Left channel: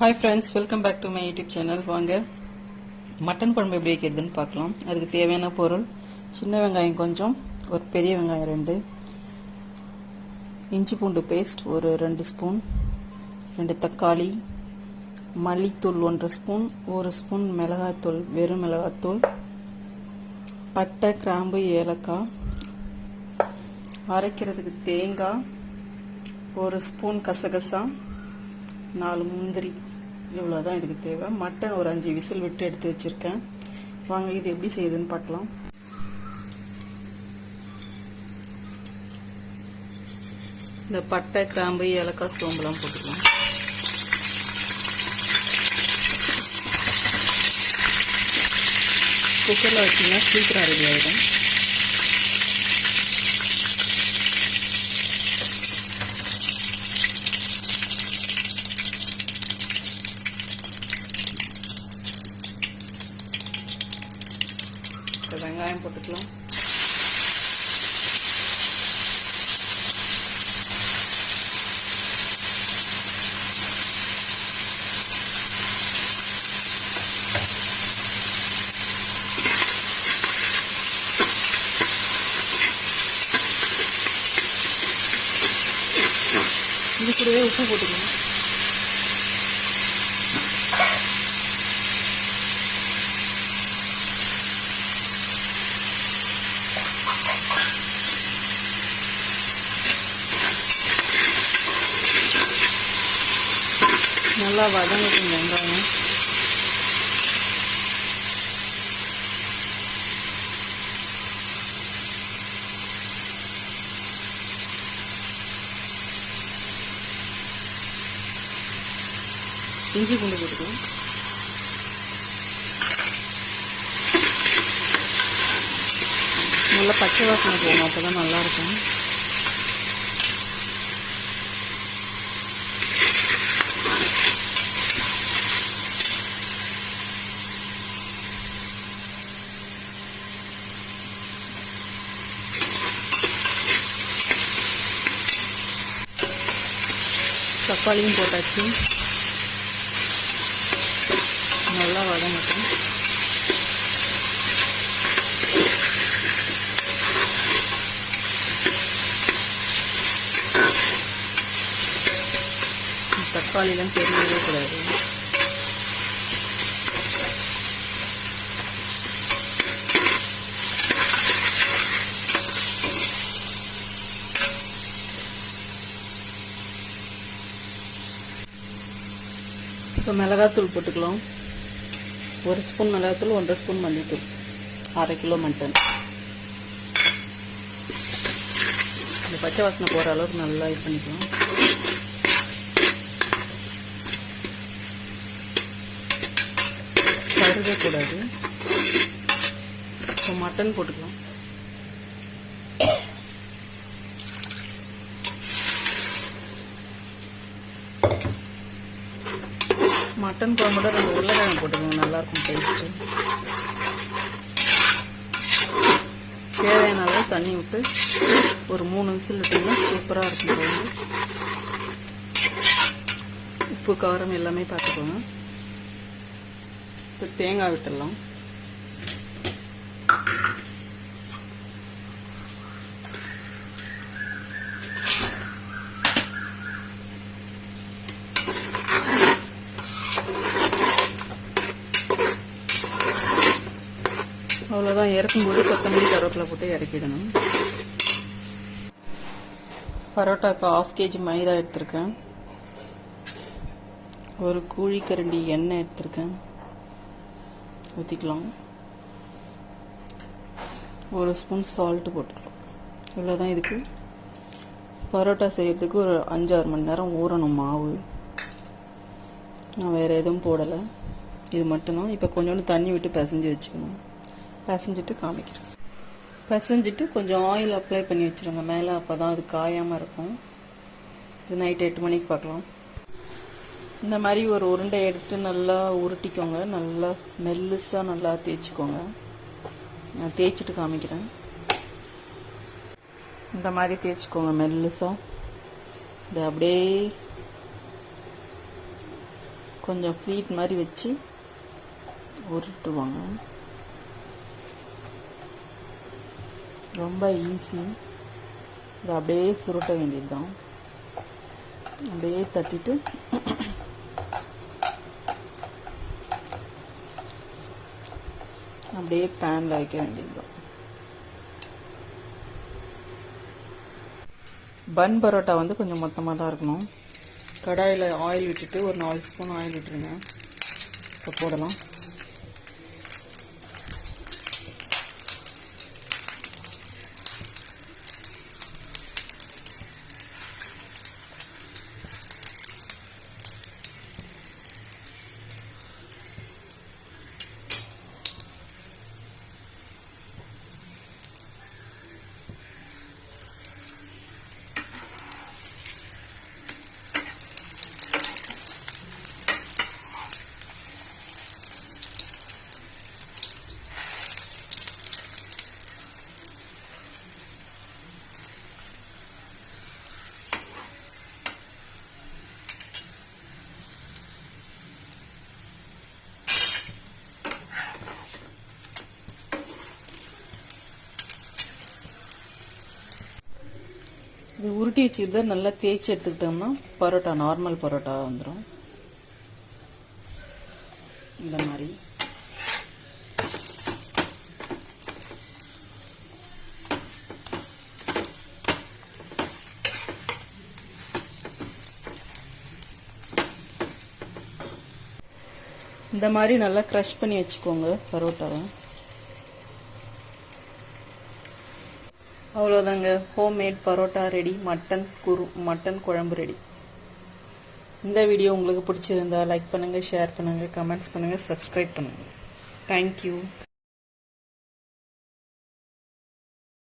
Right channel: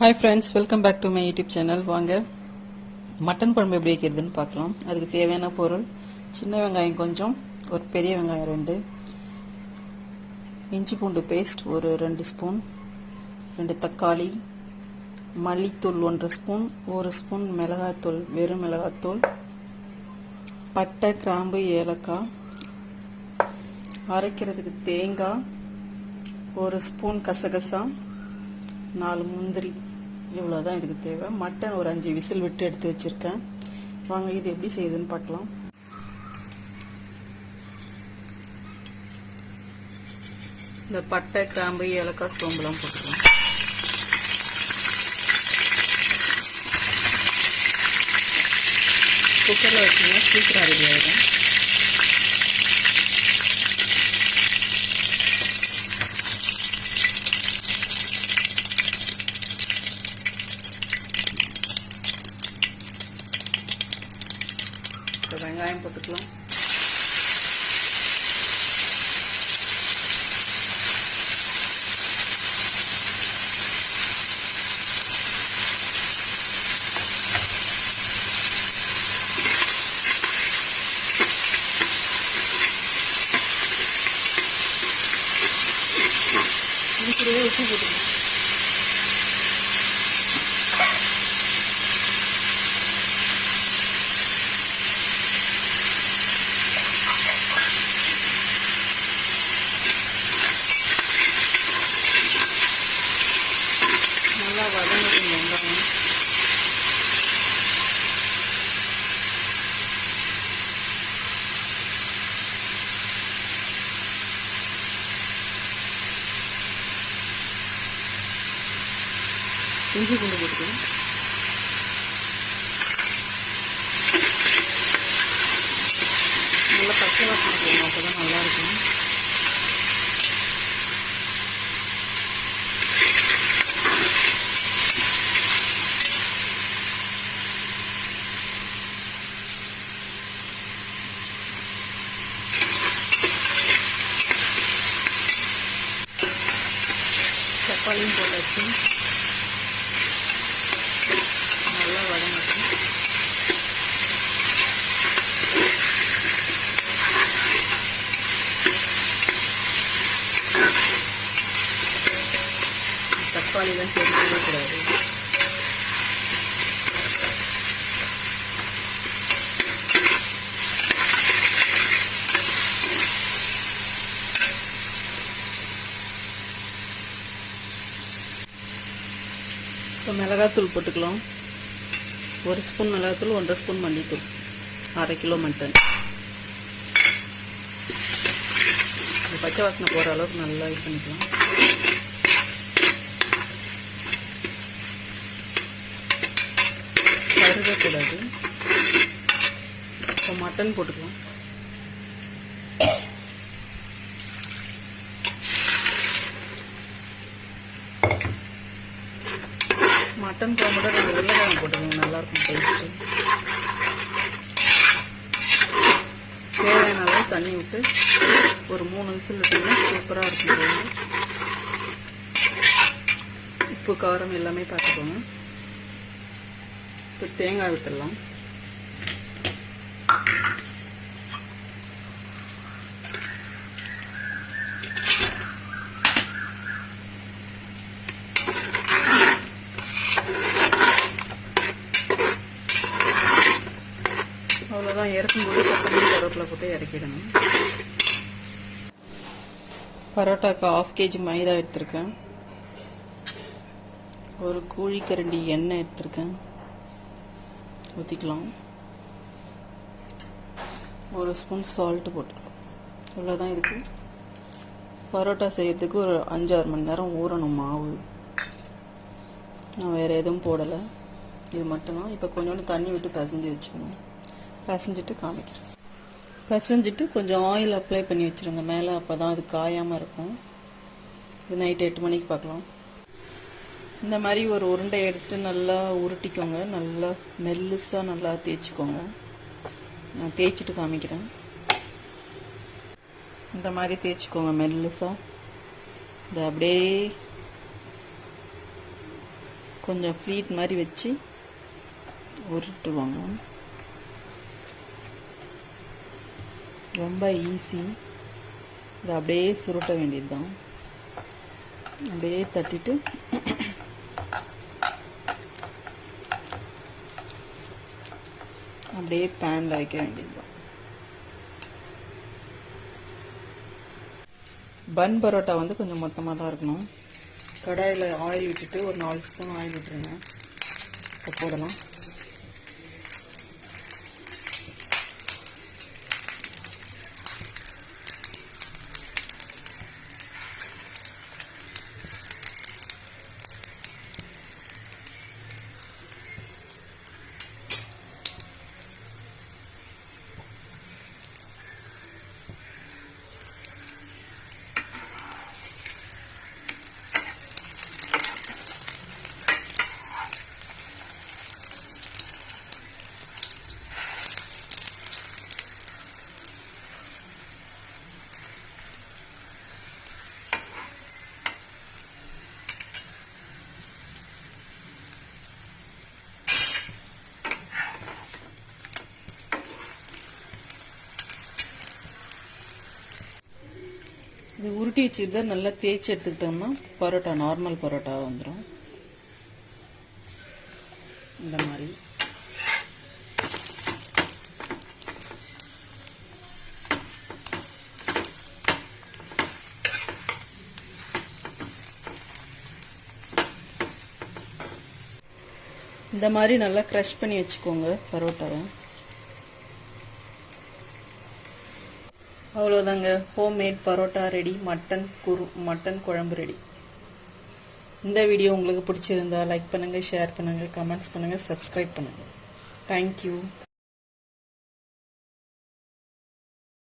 Hi friends, welcome back to my YouTube channel. வாங்க mutton குழம்பு எப்படி வைக்கிறதுன்னு பார்க்கலாம். அதுக்கு தேவையான பொருள் சின்ன வெங்காயம் கொஞ்சம், ஒரு பெரிய வெங்காயம் 2, இஞ்சி பூண்டு பேஸ்ட் ஒரு 2 ஸ்பூன், 2 தக்காளி, மல்லித்தூள் 1 ஸ்பூன், 1 ஸ்பூன் மிளகாய்த்தூள், வெறும் மிளகாய்த்தூள், பட்டை, கிராம்பு, ஏலக்காய், அரைக்கிறதுக்கு தேங்காய், 1 ஸ்பூன் கசகசா, 4 முந்திரி, இவ்வளோதான் இதுக்கு தேவை. மட்டன் ஒரு 5 விசில் விட்டு எடுத்து வச்சிருக்கேன். வாங்க இது எப்படி செய்யுதுன்னு பார்க்கலாம். இந்த பட்டை, கிராம்பு, ஏலக்காய், சோம்புலாம் போட்டுக்கலாம். குக்கரில் வச்சிங்கன்னா சீக்கிரம் ரெடி ஆகிடும். வெங்காயம் போட்டுக்கலாம். இது கூடவே உப்பு போட்டுக்கலாம். நல்லா வதங்கட்டும் வெங்காயம். இஞ்சி பூண்டு போட்டுக்கலாம். நல்லா பச்சை வாசனை போகணும், அப்போதான் நல்லா இருக்கும். தக்காளியும் போட்டாச்சு, நல்லா வதங்கட்டும். தக்காளிலாம் தெரிஞ்சிடக்கூடாது. இப்போ மிளகாத்தூள் போட்டுக்கலாம். 1 ஸ்பூன் மிளகாத்தூள், 1.5 ஸ்பூன் மல்லித்தூள், 1/2 கிலோ மட்டன். இந்த பச்சை வாசனை போகிற அளவுக்கு நல்லா இது பண்ணிக்கலாம். கருகக்கூடாது. இப்போ மட்டன் போட்டுக்கலாம். மட்டன் குழம்போட 2 உருளைக்கிழங்கு போட்டுக்கோங்க, நல்லாயிருக்கும் டேஸ்ட்டு. தேவையான அளவு தண்ணி விட்டு ஒரு 3 விசில் விட்டிங்கன்னா சூப்பராக இருக்கும் குழம்பு. உப்பு காரம் எல்லாமே பார்த்துக்கோங்க. இப்போ தேங்காய் விட்டுடலாம். அவ்வளோதான், இறக்கும்போது கொத்தமல்லி கருவேப்பிலை போட்டு இறக்கிடணும். பரோட்டாக்கு 1/2 kg மைதா எடுத்திருக்கேன். ஒரு குழிக்கரண்டி எண்ணெய் எடுத்திருக்கேன், ஊற்றிக்கலாம். 1 ஸ்பூன் சால்ட்டு போட்டுக்கலாம். இவ்வளோதான். இதுக்கு பரோட்டா செய்யறதுக்கு ஒரு 5-6 மணி நேரம் ஊறணும் மாவு. நான் வேறு எதுவும் போடலை, இது மட்டும்தான். இப்போ கொஞ்சோண்டு தண்ணி விட்டு பிசைஞ்சு வச்சுக்கணும். பிசைஞ்சிட்டு காமிக்கிறேன். பிசைஞ்சிட்டு கொஞ்சம் ஆயில் அப்ளை பண்ணி வச்சுருங்க மேலே, அப்போ தான் அது காயாமல் இருக்கும். இது நைட் 8 மணிக்கு பார்க்கலாம். இந்த மாதிரி ஒரு உருண்டை எடுத்துட்டு நல்லா உருட்டிக்கோங்க. நல்லா மெல்லுசாக நல்லா தேய்ச்சிக்கோங்க. நான் தேய்ச்சிட்டு காமிக்கிறேன். இந்த மாதிரி தேய்ச்சிக்கோங்க மெல்லுசா. இது அப்படியே கொஞ்சம் ஃப்ளீட் மாதிரி வச்சு உருட்டுவாங்க. ரொம்ப ஈஸி. இதை அப்படியே சுருட்ட வேண்டியது தான். அப்படியே தட்டிட்டு அப்படியே பேனில் வைக்க வேண்டியது தான். பன் பரோட்டா வந்து கொஞ்சம் மொத்தமாக தான் இருக்கணும். கடாயில் ஆயில் விட்டுட்டு ஒரு 4 ஸ்பூன் ஆயில் விட்டுருங்க. இப்போ போடலாம். இது உருட்டி வச்சுக்கிட்டு நல்லா தேய்ச்சி எடுத்துக்கிட்டோம்னா பரோட்டா நார்மல் பரோட்டா வந்துடும். இந்த மாதிரி நல்லா க்ரஷ் பண்ணி வச்சுக்கோங்க பரோட்டாவை. அவ்வளோதாங்க, ஹோம்மேட் பரோட்டா ரெடி. மட்டன் குழம்பு ரெடி. இந்த வீடியோ உங்களுக்கு பிடிச்சிருந்தா லைக் பண்ணுங்கள், ஷேர் பண்ணுங்கள், கமெண்ட்ஸ் பண்ணுங்கள், சப்ஸ்கிரைப் பண்ணுங்கள். தேங்க்யூ.